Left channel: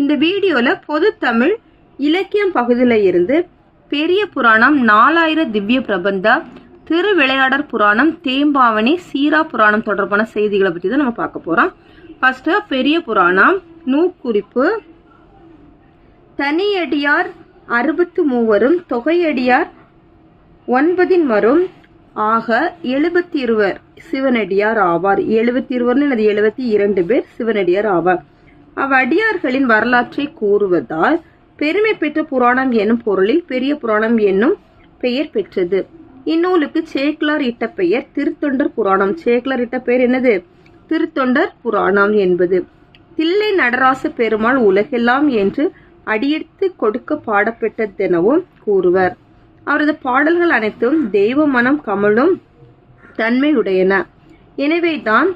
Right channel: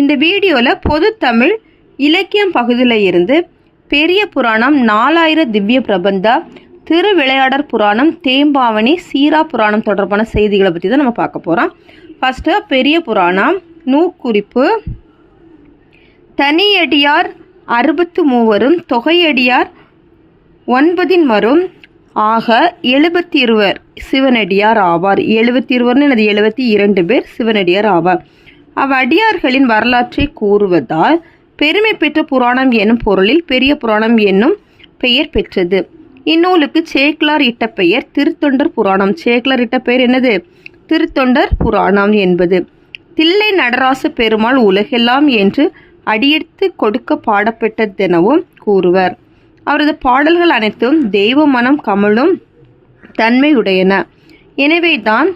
இந்த வீடியோவில் பொது தமிழ் இலக்கியம் பகுதியில் இருந்து பெரிய புராணம் நாலாயிர திவ்ய பிரபந்தா திருவிளையாடற் புராணம் தேம்பாவணி சீரா புராணம் தொடர்பான செய்திகளை பற்றி தான் நம்ம பார்க்க போகிறோம் ஃபஸ்ட்டு பெரிய புராணம் நூற்குறிப்பு. தனியடியார் அறுபத்து மூவரும் தொகையடியார் ஒன்பதின் மரும் ஆக எழுபத்தி இருவர். சிவனடியார் ஆவார். எழுபத்தி இருவர்னு எனது எழுபத்தி இரண்டு பேர் சிவனடியார் ஆவார். அவ்வடியார்களின் வரலாற்றை கூறுவதால் பெருமை பெற்ற புராணம் என்னும் பொருளில் பெரிய புராணம் என்னும் பெயர் பெற்றது. இந்நூலுக்கு சேக்லார் இட்ட பெயர் திருத்தொண்டர் புராணம். சேக்லார் இட்ட பெயர் என்னது? திருத்தொண்டர் புராணம் என்பது. தில்லை நடராச பெருமாள் உலகெல்லாம் என்று அடியெடுத்து கொடுக்க பாடப்பட்டதெனவும் கூறுவர். அவரது பாடல்கள் அனைத்தும் தெய்வ மனம் கமழும் தன்மையுடையன. எனவேதான்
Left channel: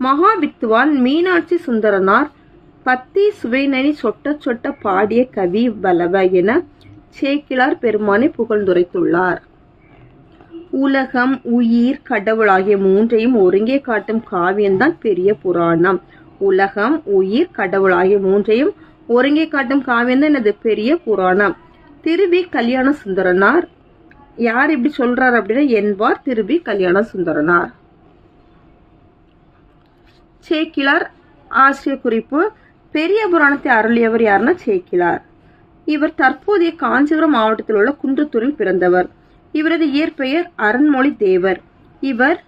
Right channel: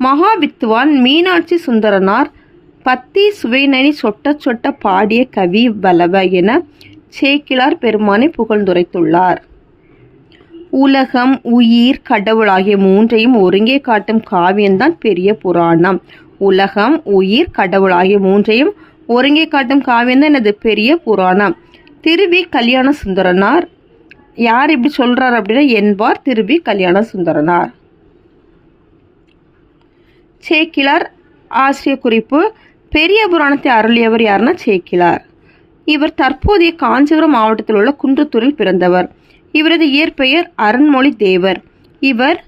மகாவித்துவான் மீனாட்சி சுந்தரனார் பத்தி சுவைநனி சொட்ட சொட்ட பாடிய கவி வலவ என சேக்கிழார் பெருமானை புகழ்ந்துரைத்துள்ளார். உலகம் உயிர் கடவுள் ஆகிய மூன்றையும் ஒருங்கே காட்டும் காவியம்தான் பெரிய புராணம். உலகம் உயிர் கடவுள் ஆகிய மூன்றையும் ஒருங்கே காட்டும் காவியம்தான் எனது பெரிய புராணம். திருவி கல்யாண சுந்தரனார் யார் இப்படி சொல்றார் அப்படின்னா என்பார் திருவி கல்யாண சுந்தரனார் சேக்கிழார் ஆசிரிய குறிப்பு பெரிய புராணத்தை அருளியவர் யாருன்னா சேக்கிலார். இவர் தற்போதைய காஞ்சிபுரம் மாவட்டத்தில் உள்ள குன்றத்தூரில் பிறந்தவர். இவரது இயற்பெயர் அருண்மொழி தேவர். இவர்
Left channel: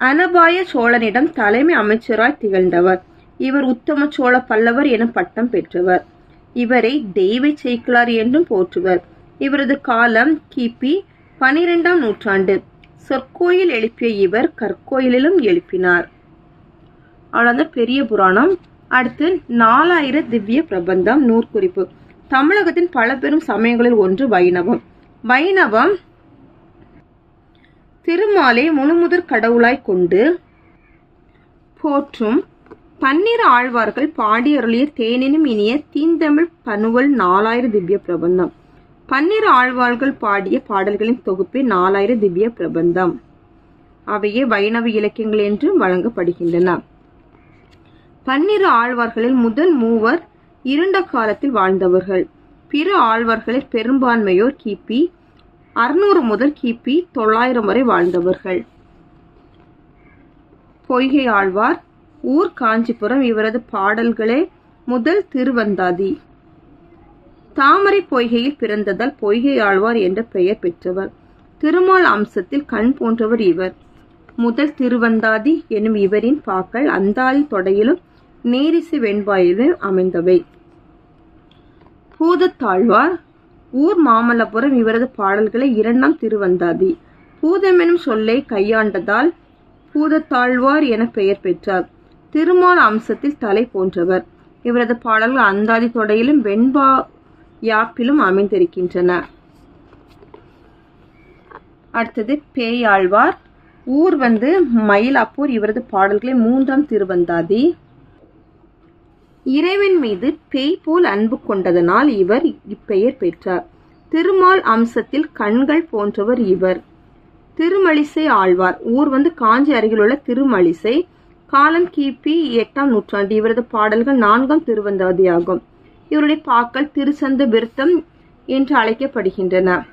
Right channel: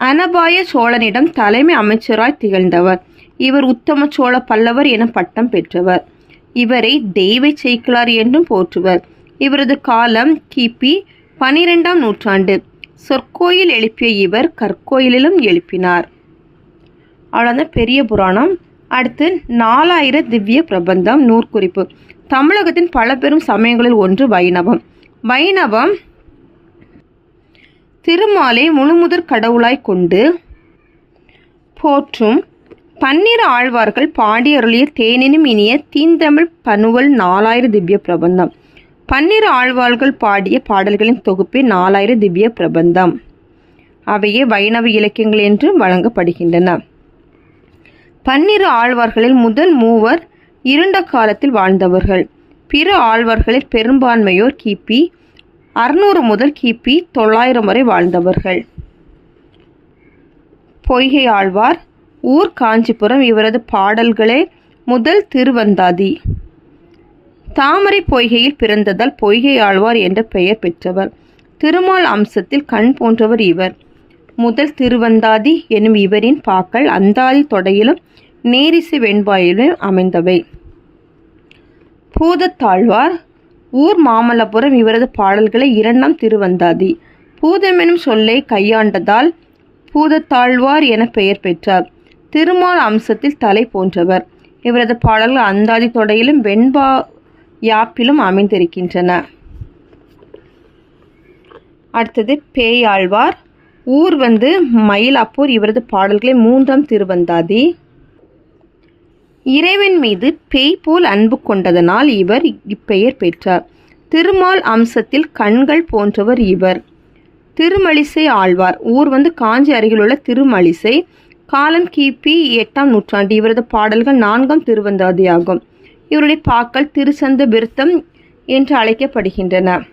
அனபாய சோழனிடம் தலைமை அமைச்சராய் திகழ்ந்தவர். இவர் உத்தம சோழ பல்லவர் என பட்டம் பெற்றவர். இவரை தெய்வ சேக்கிலார் என்றும் போற்றுவர். இவரது காலம் கிபி பனிரெண்டாம் நூற்றாண்டு. சொற்கோயில் எழுப்பிய இவர் கற்கோயிலிலும் எழுப்பினார். அவ்வளோதான் பெரிய புராணம். அடுத்து நாலாயிர திவ்ய பிரபந்தம் நூற்குறிப்பு. தமிழகத்தின் பல பெரும் சமயங்களில் ஒன்று வைணவம். வைணவம் திருமாலை முழுமுதற் கடவுளாய் கொண்டு போற்றும் பன்னிரு ஆழ்வார்கள் பாடியருளிய தேனினும் இனிய தீந்தமிழ் பனுவல் நாலாயிர திவ்ய பிரபந்தம். பன்னிரு ஆழ்வார்கள் பாடிய பாடல்களின் தொகுப்பே நாலாயிர திவ்ய பிரபந்தம். அவையே வைணவ இலக்கியங்கள் என்று வழங்கப்படுகின்றன. பன்னிரு ஆழ்வார்களில் முதல் மூவர் இருண்ட காலத்தில் வாழ்ந்தவர்கள். பிற ஆழ்வார்களில் பெரும்பான்மையோர் கிபி அறுநூறு முதல் கிபி தொள்ளாயிரம் வரை வாழ்ந்தவர்கள். பொய்கை ஆழ்வார் ஊர் காஞ்சிபுரம் இவரது பாடல்களே முதல் திருவந்தாதி. தாமரை பொய்கையில் பிறந்ததால் பொய்கை ஆழ்வார் என்ற பெயர் பெற்றவர். திருமால் அம்சத்தில் கண் போன்றவர் இவர். முதல் திருவந்தாதி எனும் இவரின் பாக்கள் அந்தாதி தொடையிலும் நேரிசை வெண்பாயிலும் அமைந்தவை. பூதத்தாழ்வார் ஊர் மாமல்லபுரம் இவரது பாடல்களை இரண்டாம் திருவந்தாதி. பூதமெனும் சொல்லை கையாண்டதால் பூதத்தாழ்வார் என பெயர் பெற்றார். திருமால் அம்சத்தில் தலை போன்றவர். இவரது பாடல்கள் அந்தாதி தொடையிலும் வெண்பா யாப்பிலும் அமைந்திருக்கின்றன. அடுத்தது பேயாழ்வார். ஊர் வந்து மயிலாப்பூர் இவரது பாடல்களை மூன்றாம் திருவந்தாதி. இறைவன் மீது பேய் போல் அன்பு கொண்டதனால் இவர் இப்பெயர் பெற்றார். திருமால் அம்சத்தில் கண்கள் போன்றவர் இவர். திருமலிசை ஆழ்வார். ஊர் வந்து காஞ்சி அருகிலுள்ள திருமலிசை. காலம் கிபி எட்டாம் நூற்றாண்டு. இவரது பாடல்கள் நான்காம் திருவந்தாதியாகும். இவருடைய பாக்கள் திருச்சந்த விருத்தம் என்று அழைக்கப்படுகின்றன.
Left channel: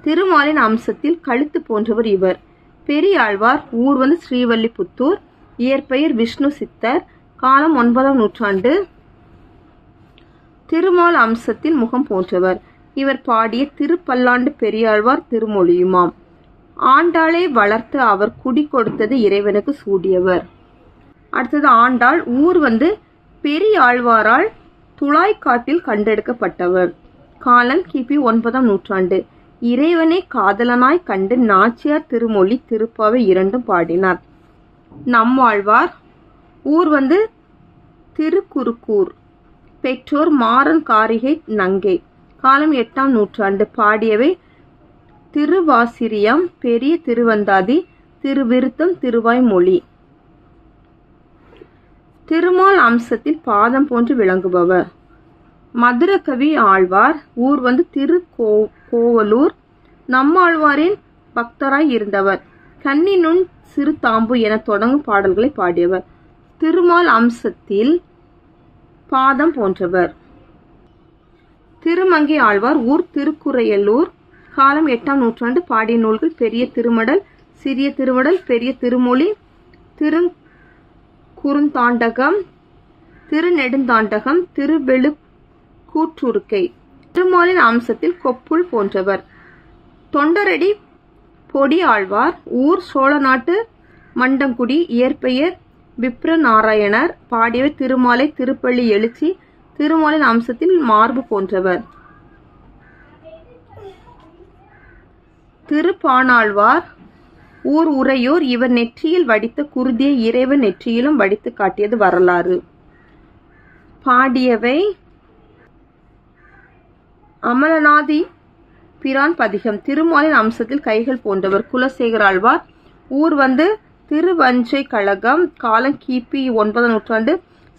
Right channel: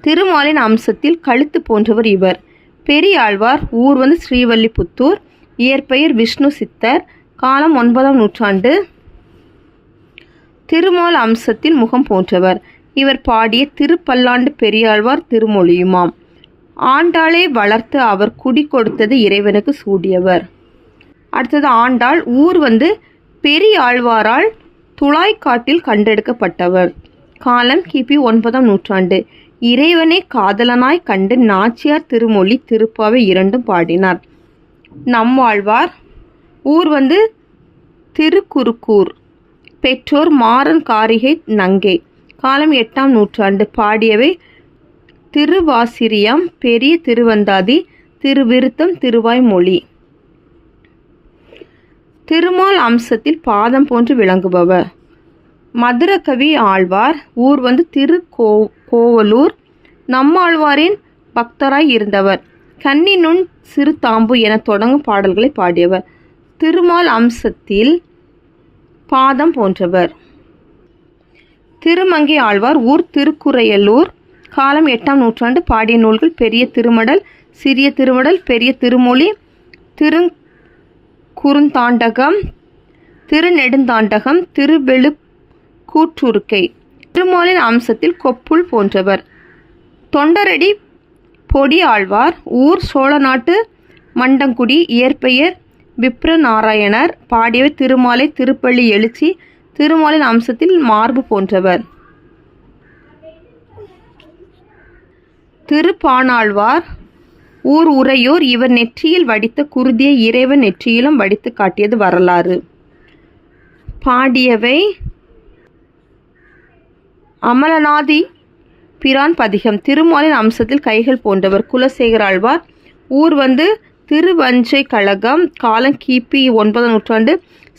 திருமாலின் அம்சத்தில் கழுத்து போன்றவர் இவர். பெரியாழ்வார். ஊர் வந்து ஸ்ரீவல்லிபுத்தூர். இயற்பெயர் விஷ்ணு சித்தர். காலம் ஒன்பதாம் நூற்றாண்டு. திருமால் அம்சத்தின் முகம் போன்றவர். இவர் பாடிய திருப்பல்லாண்டு பெரியாழ்வார் திருமொழியுமாம். ஆண்டாளை வளர்த்து அவர் குடி கொடுத்தது இறைவனுக்கு சூடியவர். அடுத்தது ஆண்டாள் ஊர் வந்து பெரியாழ்வாரால் துளாய்க்காட்டில் கண்டெடுக்கப்பட்டவர். காலம் கிபி ஒன்பதாம் நூற்றாண்டு. இறைவனை காதலனாய் கண்டு நாச்சியார் திருமொழி திருப்பாவை இரண்டும் பாடினார். நம்மாழ்வார் ஊர் வந்து திருக்குறுக்கூர் பெற்றோர் மாறன் காரிகை நங்கை. காலம் எட்டாம் நூற்றாண்டு பாடியவை திருவாசிரியம் பெரிய திருவந்தாதி திருவிருத்தம் திருவாய்மொழி திருமால் அம்சத்தில் பாதம் போன்று விளங்குபவர். மதுரகவி ஆழ்வார் ஊர் வந்து திரு கோ கோவலூர். நம்மாழ்வாரின் பக்தராய் இருந்தவர். கன்னினுண் சிறு தாம்பு என தொடங்கும் பாடல்களை பாடியவர். திருமால் அம்சத்தில் பாதம் போன்றவர். திருமங்கை ஆழ்வார் ஊர் திருக்குறையலூர் காலம் எட்டாம் நூற்றாண்டு பாடிய நூல்கள் பெரிய திருமடல் சிறிய திருமடல் பெரிய திருமொழி திரு குறுந்தாண்டகம் திருநெடுந்தாண்டகம் திருவெழு கூற்றுருக்கை திருமாலின் அம்சத்தில் கொப்புள் போன்றவர். தொண்டரடி பொடி ஆழ்வார் ஊர் சோழநாட்டு மண்டங்குடி இயற்பெயர் விப்ர நாராயணர் பாடியவர் திருமாலை திருப்பள்ளி எழுச்சி திருமாலின் அம்சத்தில் மார்பு போன்றவர். திருப்பானாழ்வார் ஊர் உறையோர் இவர் நெற்றியில் வடித்த குருதியை இறைவன் நெற்றியிலும் வடித்து காட்டியது வரலாறு. பாடியவை அமலநாதி பிரான் பதிகம். திருமாலின் அம்சத்தில் கைகள் போன்றவர். குலசேகராழ்வார் ஊர் வந்து திருவஞ்சை கழகம் காலம் கிபி ஒன்பதாம் நூற்றாண்டு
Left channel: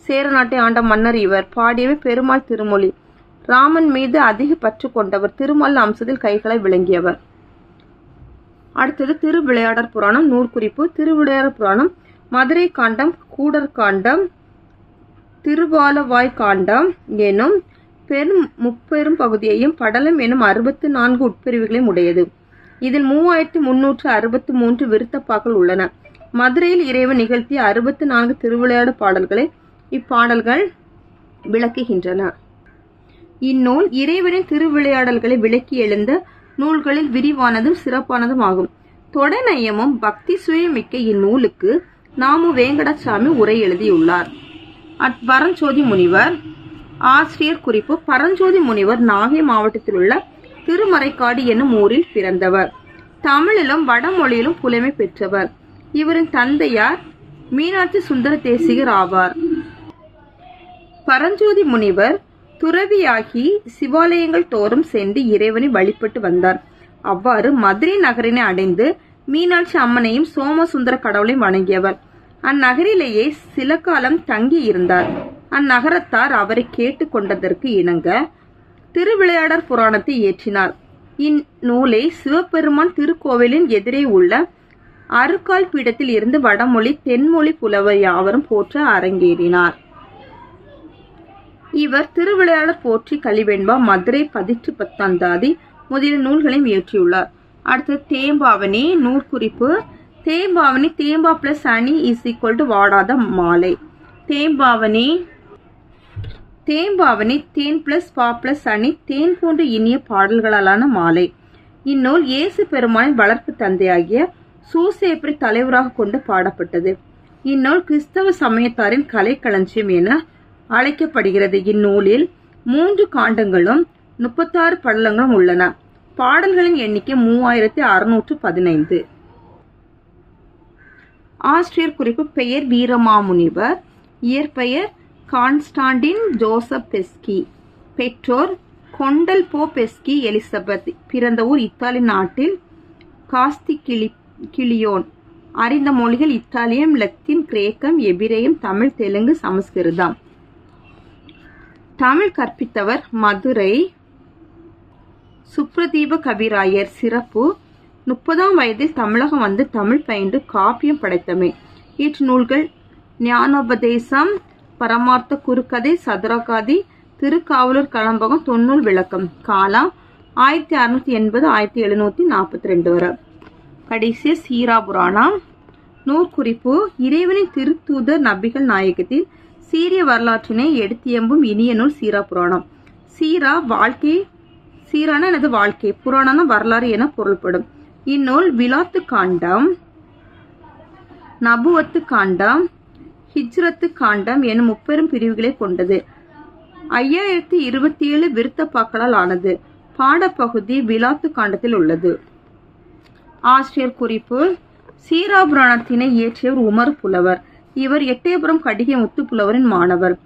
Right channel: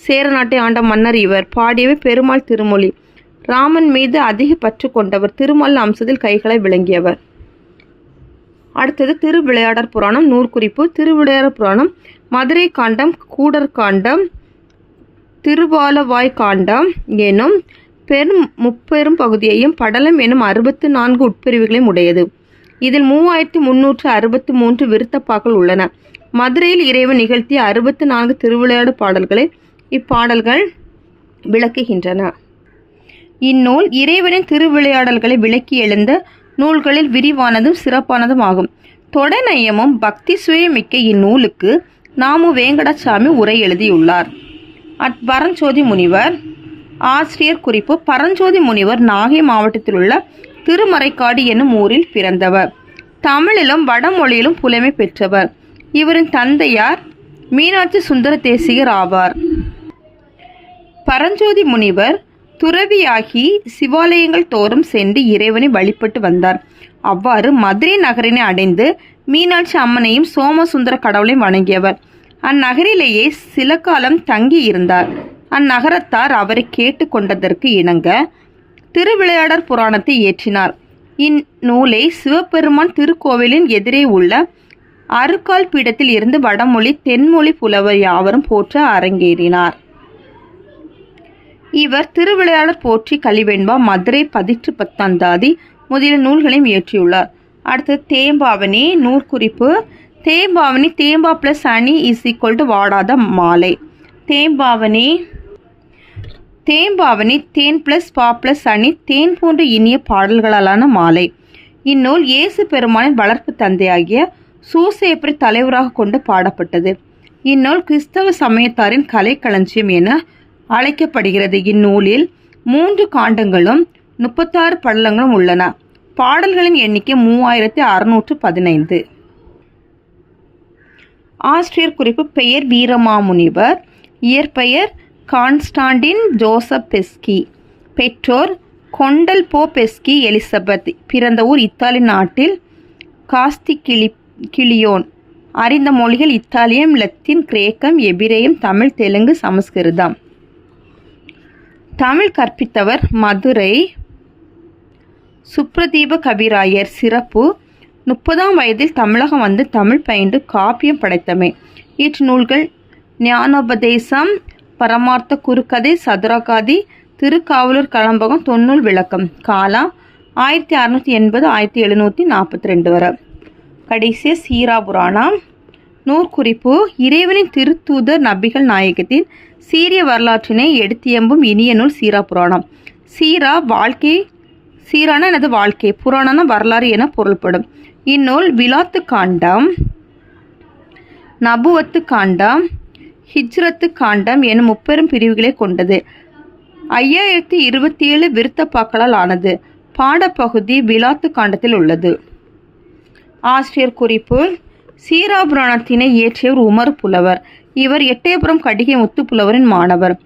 சேர நாட்டை ஆண்ட மன்னர் இவர் பாடியவை பெருமாள் திருமொழி. ராமன் மீது அதிக பற்று கொண்டவர் திருமாலின் அம்சத்தில் கைகளை விளங்கியவர். அடுத்தது திருவிளையாடற் புராணம் நூற்குறிப்பு திருவிளையாடற் புராணம் மதுரை காண்டம் கூடர் காண்டம் திருவாலவாய் காண்டம் எனும் பெரும் முப்பெரும் பகுதியையும் படலம் எனும் அறுபத்து நான்கு உட்பிரிவுகளையும் உடையது. இதில் மூவாயிரத்தி முன்னூற்று அறுபத்தி மூன்று விருத்தப்பாக்கள் உள்ளன. மதுரையில் இறைவன் நிகழ்த்திய அறுபத்து நான்கு திருவிளையாடு பாடல்களை இப்பாடல்கள் விளக்குகின்றன. இந்நூல் இறைவனின் திருவிளையாடல்களை விளக்கி எழுந்த நூல்களில் விரிவானதும் சிறப்பானதும் ஆகும். தொடநயமும் பக்தி சுயமிக்க இந்நூலுக்கு நாமு வேங்கடசாமி உரை எழுதியுள்ளார். அட்பரஞ்சோதி முனிவர் ஆசிரியர் குறிப்பு பரஞ்சோதி முனிவர் நாகை மாவட்டத்தில் உள்ள திருமறைக்காடு என்னும் ஊரில் பிறந்தவர். தமிழிலும் வடமொழியிலும் புலமை பெற்றவர். இவரின் தந்தையார் மீனாட்சி சுந்தர தேசிகர் ஆவார். பரஞ்சோதி முனிவர் துறவியாகி சிவாலயங்கள் தோறும் சென்று இறைவனை வழிபட்டு வந்தார். அவ்வாறு மதுரை நகரினை அடைந்து மீனாட்சி அம்மனையும் சோமசுந்தர கடவுளையும் வணங்கியவர். அந்நகரிலேயே சில காலம் தங்கி இருந்தார் அந்நகரத்தார் அவரை கேட்டுக்கொண்டதற்கு இணங்க திருவிளையாடற் புராணத்தை இயற்றினார். இந்நூலை சிவபெருமான் திருக்கோவிலின் எதிரே உள்ள அருக்கால் பீடத்தில் இருந்து வடமொழி தென்மொழி புலவர் யாவரும் போற்ற அரங்கேறினார். இவர் திருவிளையாளர் போற்றி கலிவெண்பா மதுரை பதிற்று பத்தாந்தாதி முதலிய நூல்களையும் இயற்றியுள்ளார். அடுத்து தேம்பாவணி நூற்குறிப்பு. தேம்பாவணி தேம்பா பிளஸ் அணி இஸ் ஈக்குவல் டு வாடாத மாலை. தேம்பாவணி தேம்பாவணி தேன் பிளஸ் பா பிளஸ் அணி தேன் போன்ற இனிய பாடல்களாலான மாலை. இந்நூல் இயேசு பெருமானின் வளர்ப்பு தந்தையாகிய சூசேப்பரை தலைவராக கொண்டு பாடப்பட்டது? இந்நூல் கிறிஸ்தவ சமயத்தாரின் கலைக்களஞ்சியம் என அழைக்கப்படுகிறது. இந்நூலில் மூன்று காண்டங்களும் முப்பத்தாறு படலங்களும் உள்ளன. பாடல்களின் எண்ணிக்கை மூவாயிரத்தி அறுநூற்று பதினைந்து. ஆசிரியர் குறிப்பு பெயர் வீரமாமுனிவர். இயற்பெயர் கான்ஸ்டாண்டின் ஜோசப் பெஸ்கி. பெற்றோர் கொண்டல் போ பெஸ்கி எலிசபெத். பிறந்த ஊர் இத்தாலி நாட்டில் காஸ்தி கிளி கிளியோன். அறிந்த மொழிகள் இத்தாலியம் லத்தீன் கிரேக்கம் எபிரேயம் தமிழ் தெலுங்கு சமஸ்கிருதம். தமிழ் கற்பித்தவர் மதுரை சுப்ரதீப கவிராயர் சிறப்பு. முப்பதாம் வயதில் தமிழகம் வந்து தமிழ் பயின்று காப்பியம் படைத்தமை. இற்று நூல்கள் ஞானோபதேசம் பரமார்த்த குறுக்கதை சதுரகாதி திருக்காவலூர் களம்பகம் தொன்னூல் விளக்கம் காலா ஆயிரத்தி அறுநூற்றி எண்பது ஆயிரத்தி எழுநூற்றி நாற்பத்தி ரெண்டு வரை. கடைசிய சீரா புராணம். நூற்குறிப்பு இறைவனின் திருத்தூதர் நபிகள் நாயகத்தின் சீரிய வரலாற்றினை எடுத்தியம்பும் இனிய நூல் சீரா புராணம். சீரா வாழ்க்கை சீரான எனது வாழ்க்கை புராணான வரலாறு என பொருள்படும். இந்நூல் விலாத்து காண்டம் நபுவத்து காண்டம் ஹிஜ்ரத்து காண்டம் எனும் முப்பெரும் பிரிவுகளை கொண்டது. ஐயாயிரத்தி இருபத்தி ஏழு விருத்தப்பாக்களால் ஆனது. பாடப்பகுதி விலாத்து காண்டத்தில் உள்ளது. ஆசிரியர் குறிப்பு சீராபுராணத்தினை இயற்றியவர் உமர் புலவர். இவர் எட்டயபுரம் கடிகை முத்துப்புலவரின் மாணவர்.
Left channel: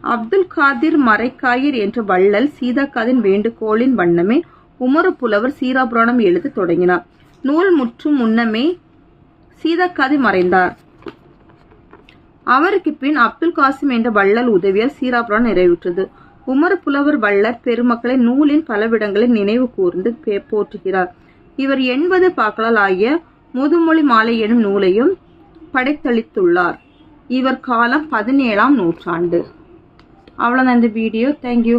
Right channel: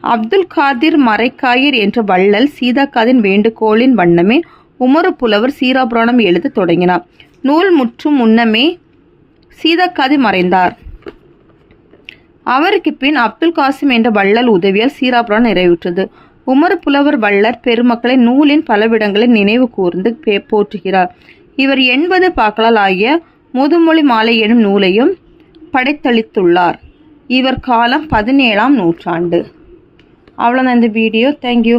அப்துல் காதிர் மறைக்காயர் என்ற வள்ளல் சீதாக்காதின் வேண்டுகோளின் வண்ணமே உமர புலவர் சீராபுராணம் எழுத தொடங்கினார். நூல் முற்றும் முன்னமே சீதாக்காதி மறைந்தார். அவருக்கு பின் அப்துல் காசிம் என்ற வள்ளல் உதவியால் சீராபுராணம் நிறைவுற்றது. உமர் புலவர் வள்ளர் பெருமக்களை நூலின் பலவிடங்களை நினைவு கூர்ந்து பே- போற்றுகிறார். இவர் எண்பது பாக்களால் ஆகிய முதுமொழி மாலை எனும் நூலையும் படைத்தளித்துள்ளார். இவர் காலம் பதினேழாம் நூற்றாண்டு. அவ்வளோதான் இந்த வீடியோ தேங்க்யூ